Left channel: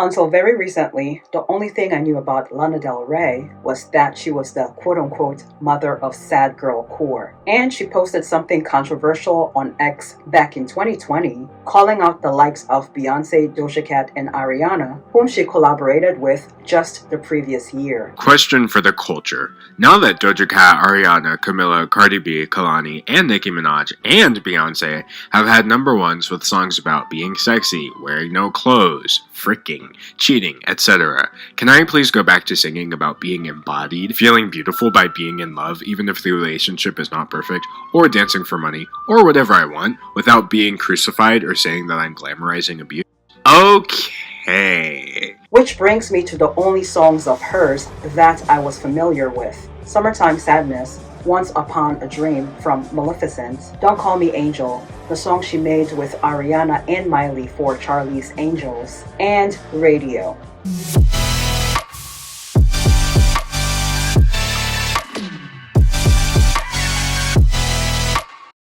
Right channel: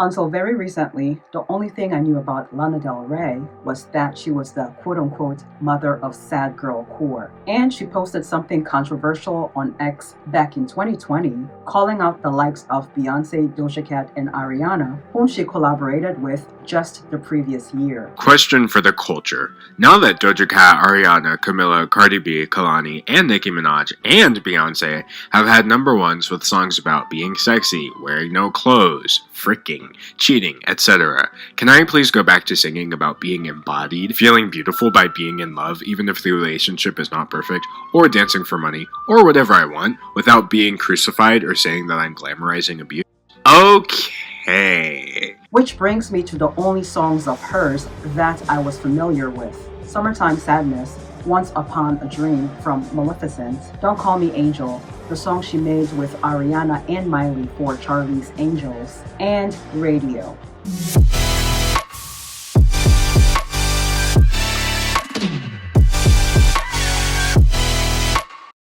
Until very recently, the only thing I knew about Lana Del Rey was that she was the quote-unquote mother of sad girl core. And she posted something controversial on X back in 2020, calling out the likes of Beyonce, Doja Cat, and Ariana, whom she collaborated with just the previous year. Question for the culture. Now that Doja Cat, Ariana, Camila, Cardi B, Kalani, and Nicki Minaj, and Beyonce have had number ones with songs about being sexy, wearing no clothes, fricking, cheating, etc., can I please go back to singing about being embodied, feeling beautiful by being in love even if the relationship is not perfect, or dancing for money, or whatever I want, without being crucified or saying that I'm glamorizing abuse? Okay. Which brings me to the only songs of hers that I was familiar with. Summertime Sadness, Once Upon a Dream from Maleficent, Don't Call Me Angel, the song she made with Ariana and Miley for Charlie's Angels, and Radio.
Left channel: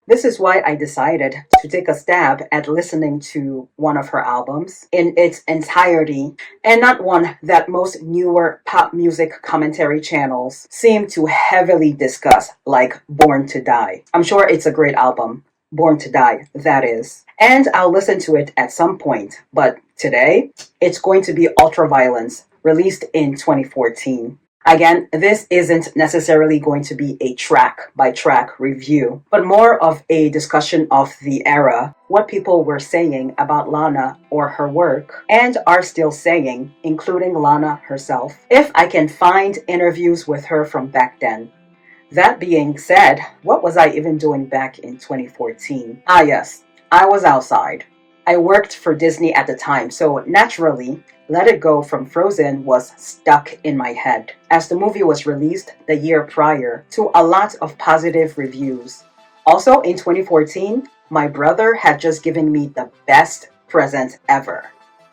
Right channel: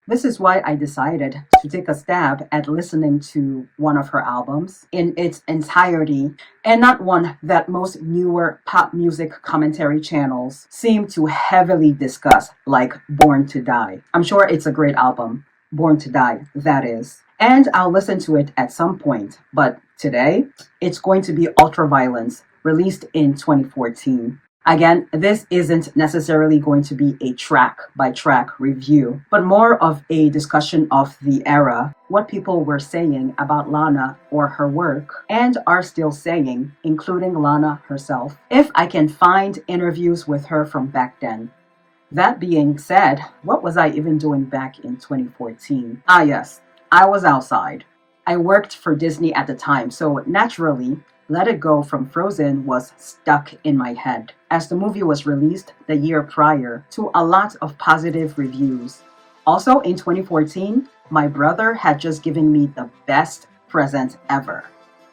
This is why I decided to take a stab at listening to one of her albums in its entirety, and not one that most newer pop music commentary channels seem to heavily discuss, like Born to Die. I'm sure it's a great album, Born to Die, that is. And I'll listen to it at some point, but today, it's going to be Ultraviolence, released in 2014. Again, this isn't necessarily going to be a track-by-track review, but more of a discussion of the era, what people were saying about Lana or her work, and are still saying, including Lana herself, if I can find interviews with her from back then. That being said, what was I even doing back in 2014? Ah yes, I was outside. I worked for Disney at the time, so naturally, Let It Go from Frozen was stuck in my head, as the movie was released the year prior to a lot of positive reviews. Also, in 2014, my brother had just given me the best present ever.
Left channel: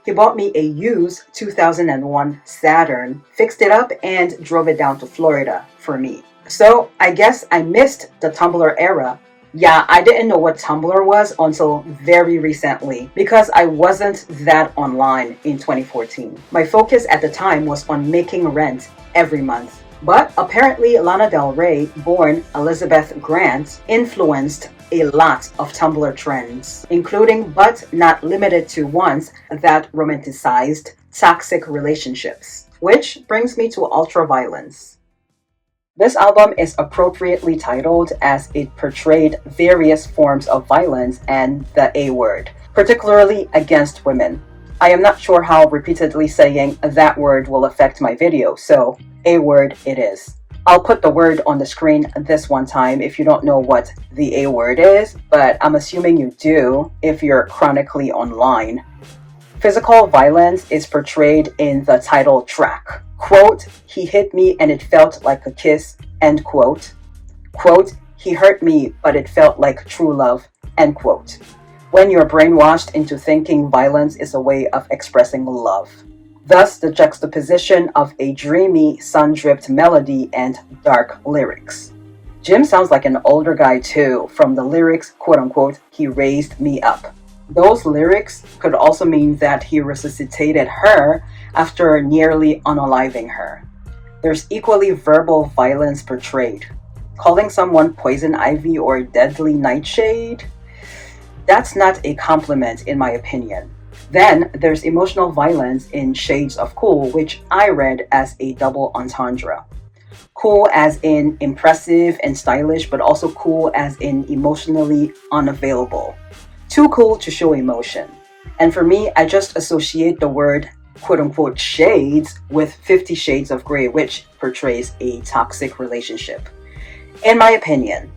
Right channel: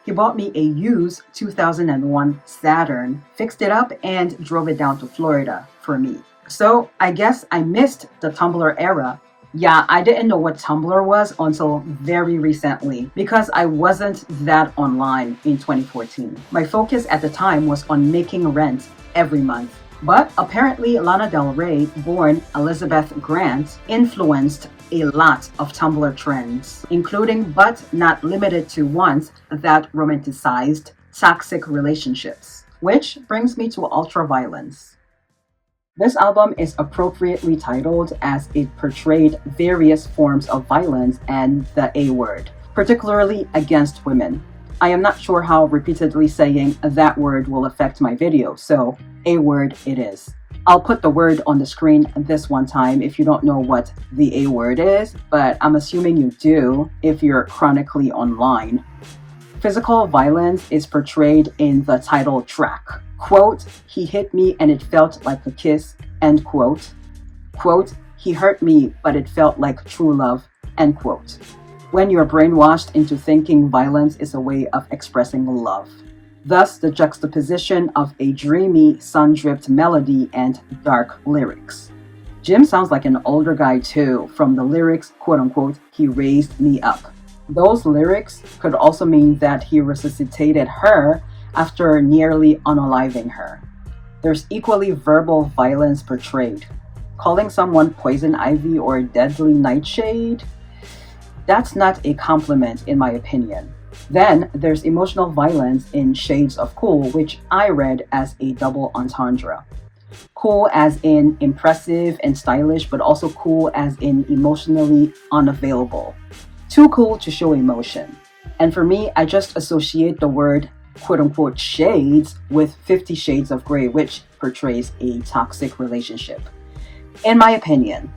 He bought me a used 2001 Saturn, fixed it up, and drove it down to Florida for me. So, I guess I missed the Tumblr era. Yeah, I didn't know what Tumblr was until very recently because I wasn't that online in 2014. My focus at the time was on making rent every month. But apparently Lana Del Rey, born Elizabeth Grant, influenced a lot of Tumblr trends, including but not limited to ones that romanticized toxic relationships. Which brings me to Ultraviolence. This album is appropriately titled as it portrayed various forms of violence and the A word, particularly against women. I am not sure how repeatedly saying that word will affect my video, so A word it is. I'll put the word on the screen this one time if you don't know what the A word is, but I'm assuming you do if you're chronically online. Physical violence is portrayed in the title track. Quote, he hit me and it felt like a kiss, end quote. Quote, he hurt me but it felt like true love, end quote. When you're brainwashed into thinking violence is a way of expressing love. Thus the juxtaposition of a dreamy, sun-dripped melody and dark lyrics. Jim sounds like an older guy too, from the lyrics, quote unquote, he raised me up. Those lyrics could also mean that he resuscitated her after nearly unaliving her. There's equally verbal violence portrayed. Calling someone poison ivy or deadly nightshade? That's not a compliment in my opinion. Then there's emotional violence in Shades of Cool, which I read as a double entendre. Cool as in impressive and stylish, but also cool as in emotionally unavailable. Too cool to show emotion. And for me, I just associate the word quote-unquote shades with 50 Shades of Grey, which portrays a toxic relationship. In my opinion,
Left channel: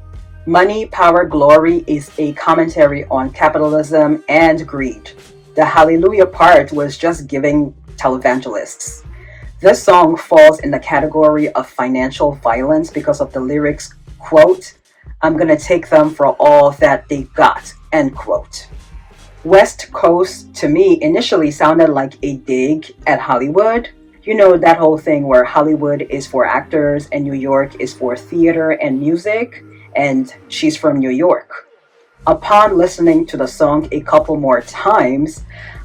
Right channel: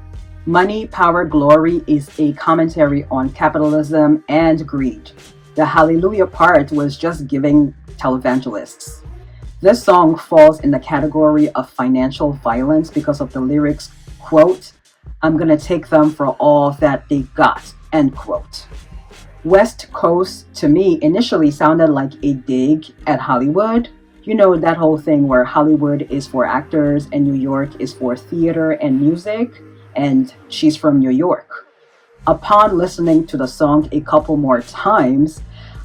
Money, Power, Glory is a commentary on capitalism and greed. The Hallelujah part was just giving televangelists. This song falls in the category of financial violence because of the lyrics, quote, I'm gonna take them for all that they got, end quote. West Coast, to me, initially sounded like a dig at Hollywood. You know, that whole thing where Hollywood is for actors and New York is for theater and music, and she's from New York. Upon listening to the song a couple more times,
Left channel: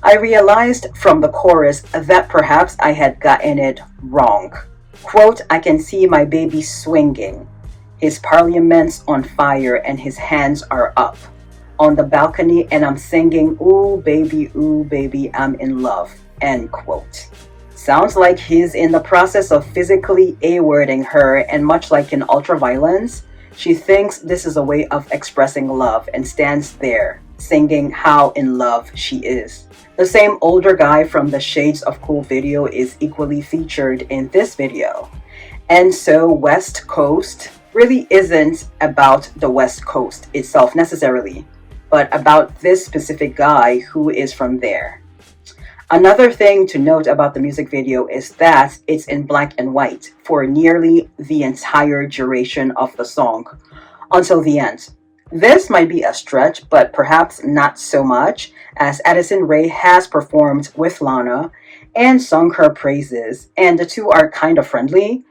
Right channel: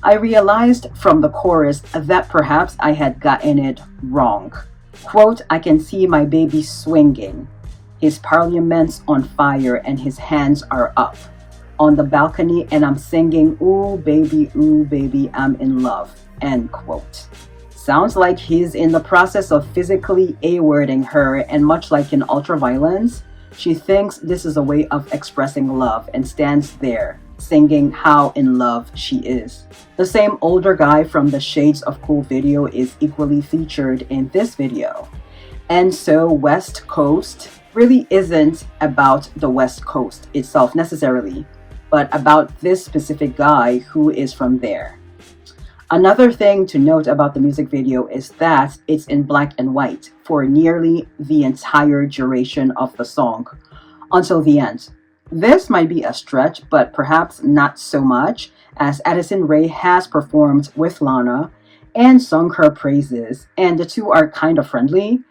I realized from the chorus that perhaps I had gotten it wrong. Quote, I can see my baby swinging. His parliament's on fire and his hands are up on the balcony and I'm singing, ooh baby, I'm in love, end quote. Sounds like he's in the process of physically A-wording her, and much like in Ultraviolence, she thinks this is a way of expressing love and stands there singing how in love she is. The same older guy from the Shades of Cool video is equally featured in this video. And so West Coast really isn't about the West Coast itself necessarily, but about this specific guy who is from there. Another thing to note about the music video is that it's in black and white for nearly the entire duration of the song, until the end. This might be a stretch, but perhaps not so much, as Addison Rae has performed with Lana and sung her praises, and the two are kind of friendly.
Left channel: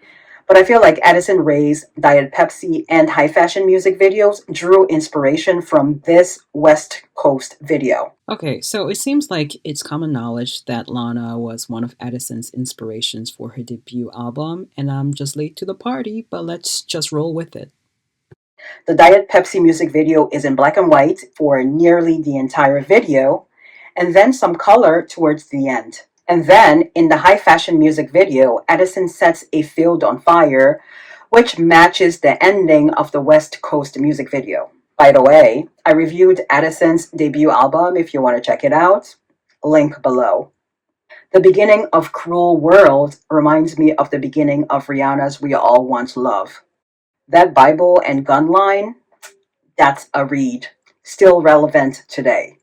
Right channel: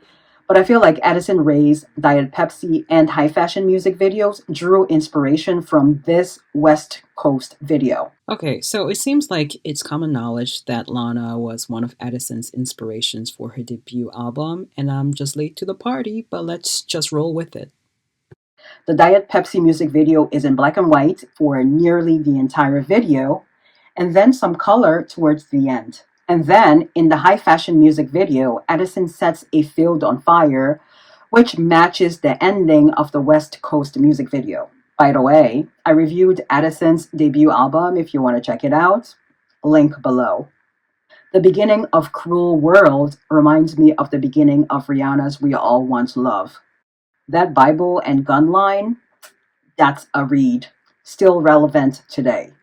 But I feel like Addison Rae's Diet Pepsi and high fashion music videos drew inspiration from this West Coast video. Okay, so it seems like it's common knowledge that Lana was one of Addison's inspirations for her debut album, and I'm just late to the party, but let's just roll with it. The Diet Pepsi music video is in black and white for nearly the entire video, and then some color towards the end. And then, in the high fashion music video, Addison sets a field on fire, which matches the ending of the West Coast music video. By the way, I reviewed Addison's debut album if you want to check it out. Link below. The beginning of Cruel World reminds me of the beginning of Rihanna's We All Want Love. That Bible and gun line, that's a read. Still relevant today.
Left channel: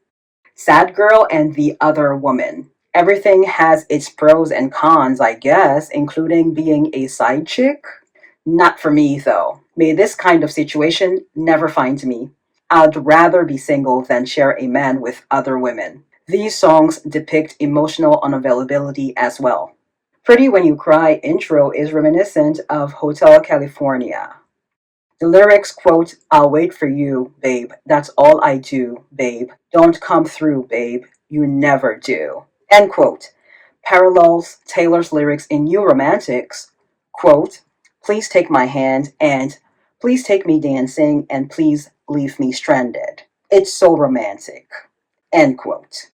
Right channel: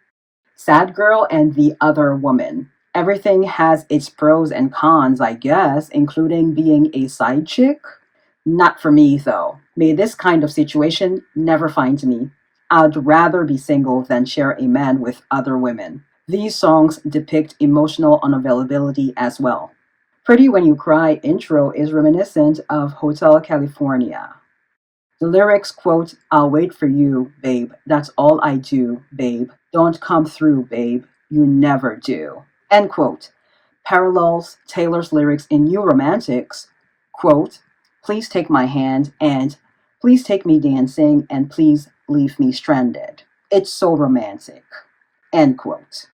Sad Girl and the Other Woman. Everything has its pros and cons, I guess, including being a side chick. Not for me, though. May this kind of situation never find me. I'd rather be single than share a man with other women. These songs depict emotional unavailability as well. Pretty When You Cry intro is reminiscent of Hotel California. The lyrics quote, I'll wait for you, babe. That's all I do, babe. Don't come through, babe. You never do. End quote. Parallels Taylor's lyrics in New Romantics, quote, please take my hand and please take me dancing and please leave me stranded. It's so romantic. End quote.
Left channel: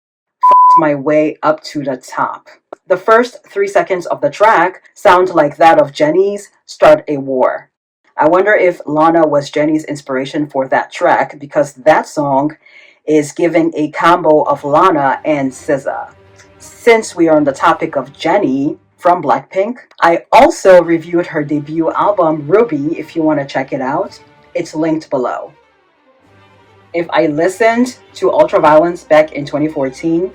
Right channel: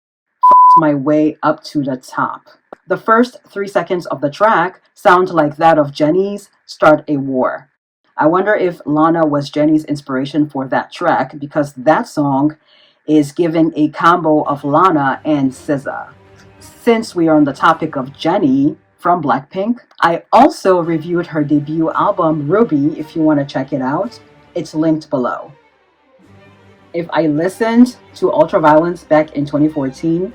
My way up to the top. The first 3 seconds of the track sound like that of JENNIE'S Start a War. I wonder if Lana was Jennie's inspiration for that track, because that song is giving a combo of Lana and SZA. Since we are on the topic of Jennie from Blackpink, I also reviewed her debut album Ruby if you want to check it out. It's linked below. If I listened to Ultraviolence back in 2014,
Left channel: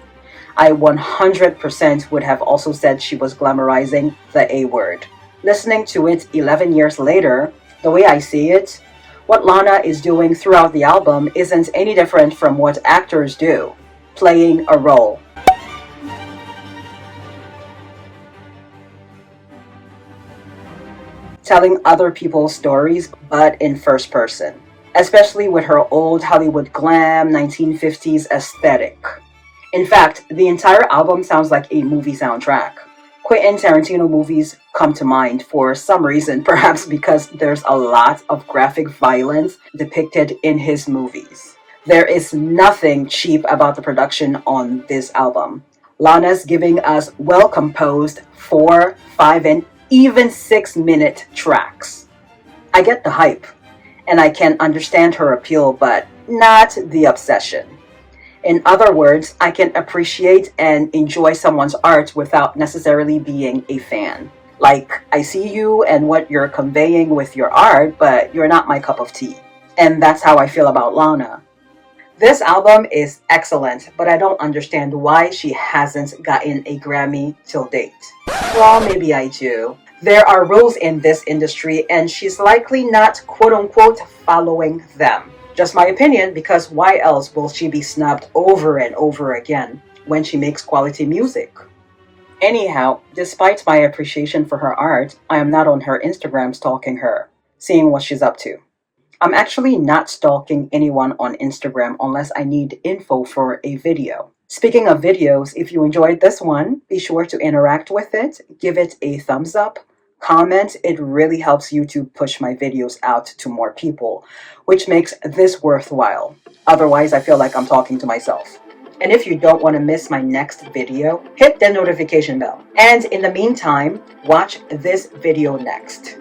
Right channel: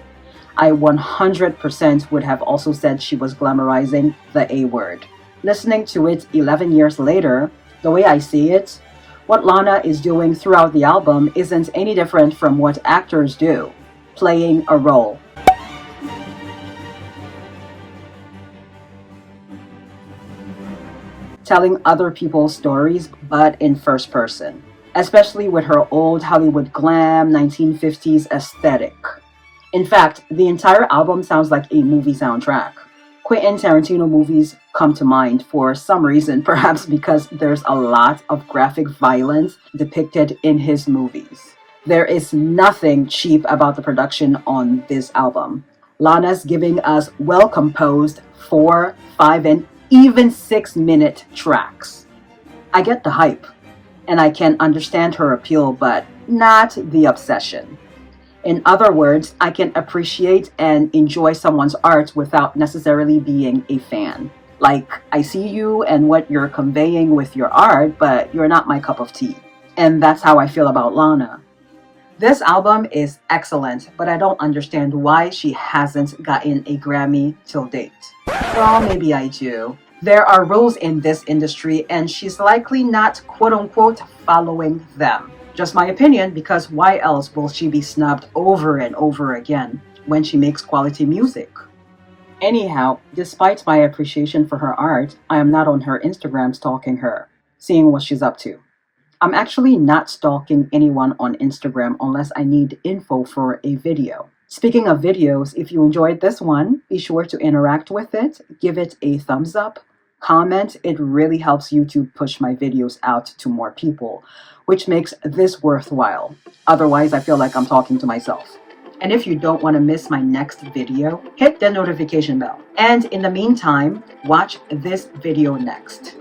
I 100% would have also said she was glamorizing the A word. Listening to it 11 years later, the way I see it, what Lana is doing throughout the album isn't any different from what actors do, playing a role. Telling other people's stories, but in first person. Especially with her old Hollywood glam 1950s aesthetic. In fact, the entire album sounds like a movie soundtrack. Quentin Tarantino movies come to mind for some reason, perhaps because there's a lot of graphic violence depicted in his movies. There is nothing cheap about the production on this album. Lana's giving us well-composed 4, 5, and even 6-minute tracks. I get the hype, and I can understand her appeal, but not the obsession. In other words, I can appreciate and enjoy someone's art without necessarily being a fan. Like, I see you and what you're conveying with your art, but you're not my cup of tea. And that's how I feel about Lana. This album is excellent, but I don't understand why she hasn't gotten a Grammy till date. Well, maybe I do. There are rules in this industry, and she's likely not quote-unquote following them. Just my opinion, because why else will she be snubbed over and over again when she makes quality music? Anyhow, despite my appreciation for her art, I am not on her Instagram stalking her, seeing what she's up to. I'm actually not stalking anyone on Instagram unless I need info for a video. Speaking of videos, if you enjoyed this one, be sure to interact with it, give it a thumbs up, comment. It really helps YouTube push my videos out to more people, which makes this worthwhile. Otherwise, I feel like I'm talking to myself. And if you don't want to miss my next video, hit the notification bell. And in the meantime, watch this video next.